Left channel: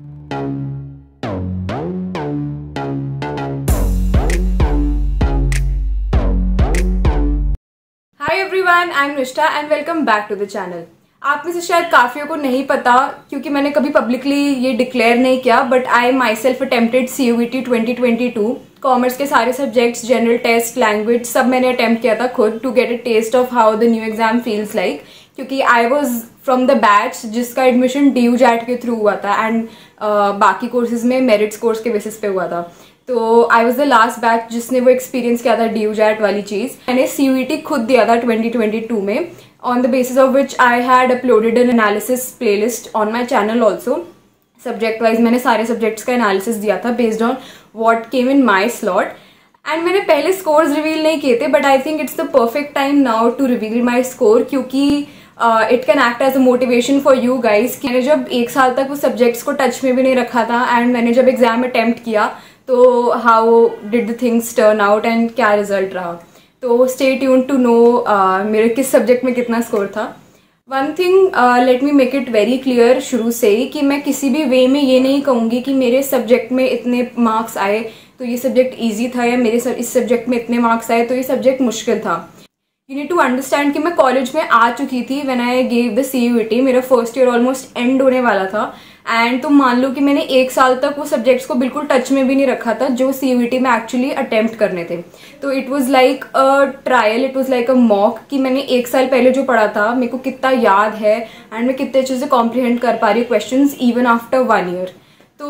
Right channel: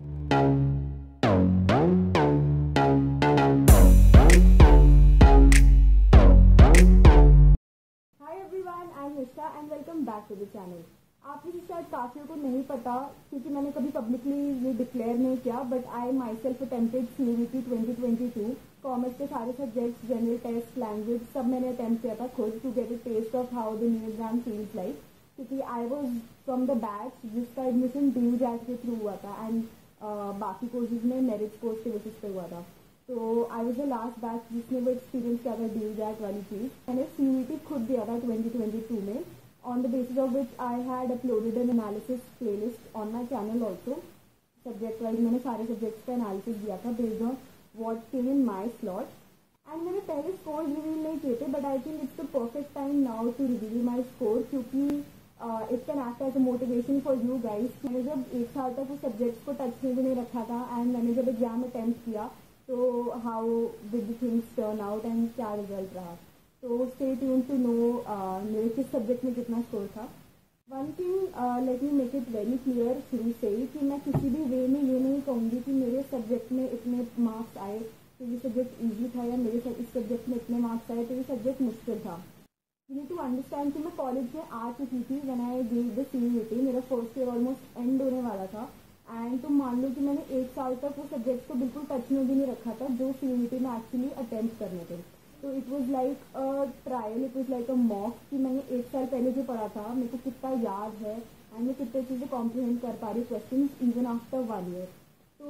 Hi everyone, I am Nishtha and welcome back to the channel. आप में से शायद काफ़ियों को नहीं पता क्योंकि मैंने कभी पब्लिकली ये डिक्लेयर नहीं किया, but I my self attempted CUET 2022। Commerce के सारे सब्जेक्ट्स, जनरल टेस्ट, लैंग्वेज सब मैंने अटेम्प्ट किया था खुद, to get a test of how the new exam feels like. क्योंकि I was from the batch जिसका एडमिशन DU-JAT के थ्रू हुआ था एंड बाकी कोर्सेज में मेरिट्स कोर्स के बेसिस पे हुआ था। तो I was the last batch जिसने वो एक्सपीरियंस किया था DU-JAT वाली चीज़। मैंने CUET खुद दिया था 2022 में, on the basis of which I had uploaded an analysis playlist on my channel also. Subject wise मैंने सारे सब्जेक्ट्स का एनालिसिस दिया था based on what came in my slot. And मैंने पहले स्कोर्स रिवील नहीं किए थे, but I think it's the perfect time now to reveal my score, क्योंकि it can act as a motivation for you guys. मैंने जब एक साल तक वो सब्जेक्ट्स को टच में भी नहीं रखा था एंड मैंने जब एग्जाम अटेम्प्ट किया तो how did the things turn out and क्या रिजल्ट रहा। तो स्टे ट्यून टू नो मेरे किस सब्जेक्ट में कितना स्कोर था। One thing let me make it very clear शुरू से ही कि मैं किसी भी वे में ये नहीं कहूँगी कि मेरे सब्जेक्ट में इतने मार्क्स आए तो ये सब्जेक्ट ईजी था, या मेरे इस सब्जेक्ट में इतने मार्क्स आए तो ये सब्जेक्ट मुश्किल था। यू नीड टू अंडरस्टैंड कि मैं कॉलेज में आ चुकी थी when I gave the CUET। मेरा फर्स्ट ईयर ऑलमोस्ट एंड होने वाला था एंड तो मान लो कि मैंने एक साल तक वो सब्जेक्ट्स को बिल्कुल टच में भी नहीं रखा था जो CUET में एक्चुअली अटेम्प्ट करने थे। तो it was like a trial, it was like a mock कि मैंने एक साल पहले जो पढ़ा था मेरे को कितना याद है एंड मैं कितने अच्छे से कॉम्प्रिहेंड कर पा रही हूँ क्वेश्चंस इवन आफ्टर 1 ईयर। तो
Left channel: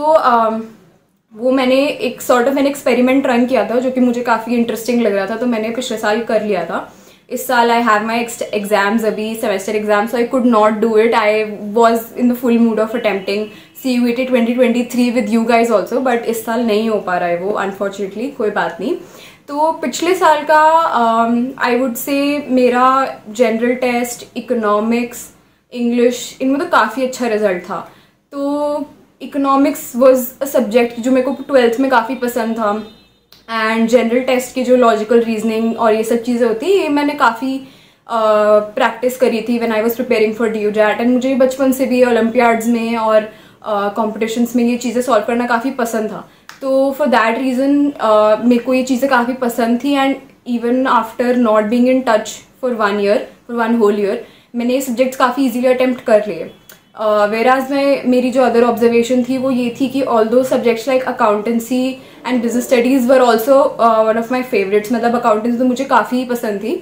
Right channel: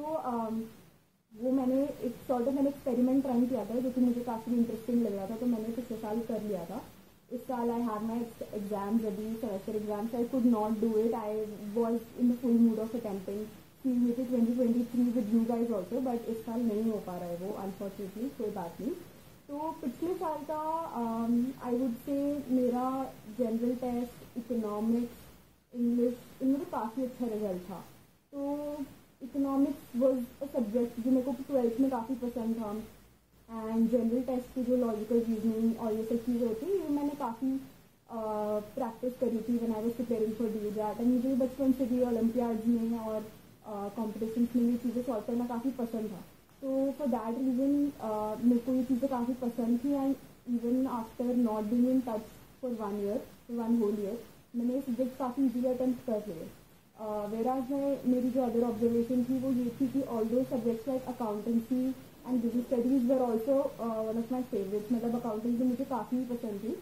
वो मैंने एक sort of an experiment run किया था जो कि मुझे काफ़ी इंटरेस्टिंग लग रहा था, तो मैंने पिछले साल कर लिया था। इस साल आई हैव माई एग्जाम्स, अभी semester exams, so I could not do it. I was in the full mood off attempting CUET 2023 with you guys also, but इस साल नहीं हो पा रहा है वो अनफॉर्चुनेटली। कोई बात नहीं। तो पिछले साल का आई वुड से मेरा जनरल टेस्ट, इकोनॉमिक्स, इंग्लिश, इनमें तो काफ़ी अच्छा रिजल्ट था। तो इकोनॉमिक्स वॉज अ सब्जेक्ट जो मेरे को 12th में काफ़ी पसंद था एंड जनरल टेस्ट की जो लॉजिकल रीजनिंग और ये सब चीज़ें होती है ये मैंने काफ़ी प्रैक्टिस करी थी when I was preparing for DU-JAT। And मुझे बचपन से भी ओलंपियाड्स में और कॉम्पिटिशन्स में ये चीज़ें सॉल्व करना काफ़ी पसंद था। तो फॉर दैट रीज़न मेरे को ये चीज़ें काफ़ी पसंद थी and even after not being in touch for 1 year, for 1 whole year, मैंने ये सब्जेक्ट्स काफ़ी ईजीली अटेम्प्ट कर लिए। वेराज में मेरी जो अदर ऑब्जर्वेशन थी वो ये थी कि although subjects like accountancy and business studies were also one of my favourites. मतलब अकाउंटेंसी तो मुझे काफ़ी पसंद थी,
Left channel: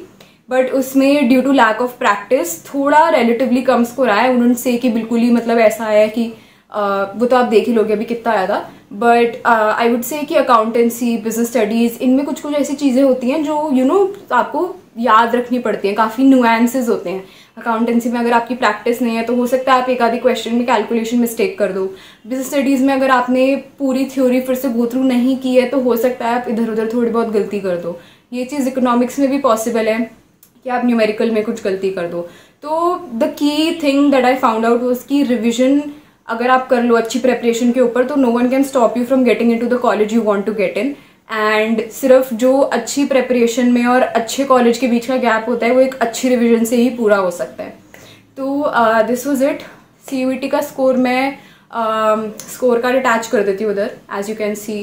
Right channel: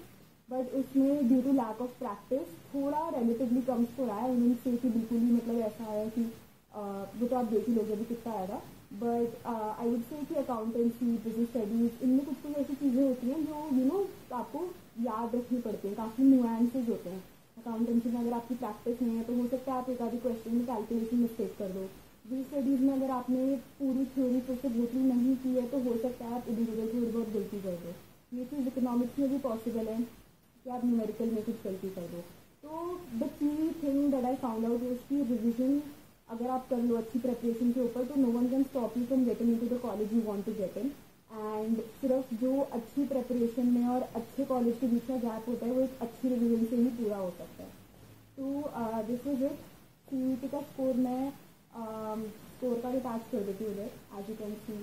बट उसमें due to lack of practice थोड़ा रिलेटिवली कम स्कोर आया। उन्होंने से कि बिल्कुल ही मतलब ऐसा आया कि वो तो आप देख ही लोगे अभी कितना आया था, बट आई वुड से कि अकाउंटेंसी, बिजनेस स्टडीज़, इनमें कुछ कुछ ऐसी चीज़ें होती हैं जो यू नो आपको याद रखनी पड़ती हैं, काफ़ी नुएंसेस होते हैं। अकाउंटेंसी में अगर आपकी प्रैक्टिस नहीं है तो हो सकता है आप एक आधी क्वेश्चन में कैलकुलेशन मिस्टेक कर दो। बिजनेस स्टडीज़ में अगर आपने पूरी थ्योरी फिर से गो थ्रू नहीं की है तो हो सकता है आप इधर उधर थोड़ी बहुत गलती कर दो। ये चीज़ इकोनॉमिक्स में भी पॉसिबल है कि आप न्यूमेरिकल में कुछ गलती कर दो। तो the key thing that I found out was कि रिविजन अगर आप कर लो अच्छी प्रेपरेशन के ऊपर तो no one can stop you from getting into the college you want to get in. And सिर्फ जो अच्छी प्रेपरेशन में और अच्छे कॉलेज के बीच का गैप होता है वो एक अच्छी रिविजन से ही पूरा हो सकता है। तो दिस वाज इट। CUET का स्कोर मैं स्कोर कार्ड अटैच कर देती हूँ उधर, एज यू कैन सी।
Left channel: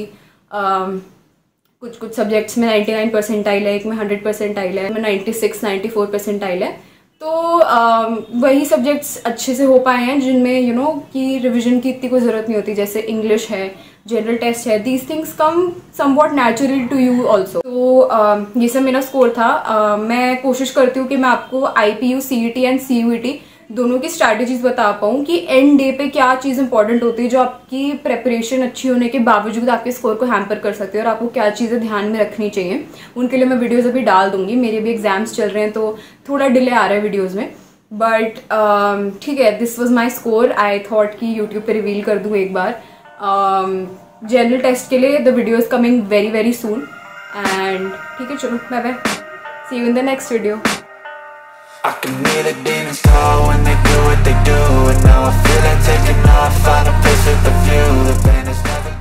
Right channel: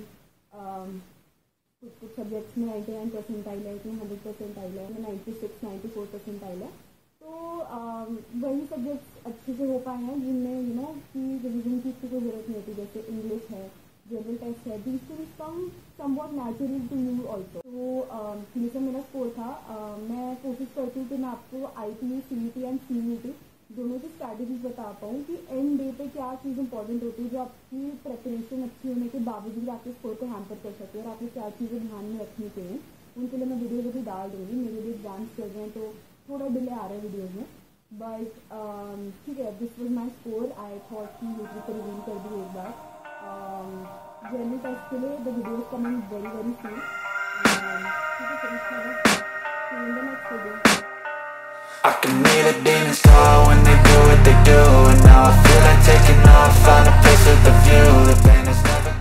कुछ कुछ सब्जेक्ट्स में 99 परसेंटाइल है, एक में 100 परसेंटाइल है, में 96-94 परसेंटाइल है। तो वही सब्जेक्ट्स अच्छे से हो पाए हैं जिनमें यू नो कि रिविजन की इतनी कोई ज़रूरत नहीं होती, जैसे इंग्लिश है, जनरल टेस्ट है। These things come somewhat naturally to you also. तो ये सब मेरा स्कोर था। मैं कोशिश करती हूँ कि मैं आपको IPU, CET एंड CUET दोनों की स्ट्रैटेजीज बता पाऊँ कि एंड डे पे क्या चीज़ इंपॉर्टेंट होती है जो आपकी प्रेपरेशन अच्छी होने के बावजूद आपके स्कोर को हैम्पर कर सकती है और आपको क्या चीज़ें ध्यान में रखनी चाहिए। उनके लिए मैं वीडियोज़ अभी डाल दूँगी। मेरे भी एग्जाम्स चल रहे हैं तो थोड़ा डिले आ रहा है वीडियोज़ में, बट ठीक है। This was my score. I thought कि यूट्यूब पर रिवील कर दूँ एक बार। जनरल टेस्ट के लिए the video is coming very very soon and ठीक है, चलो bye bye, see you in the next video. I can hear the demons call when they do what they do, and now I feel like taking off, find a place with a view, the pain is never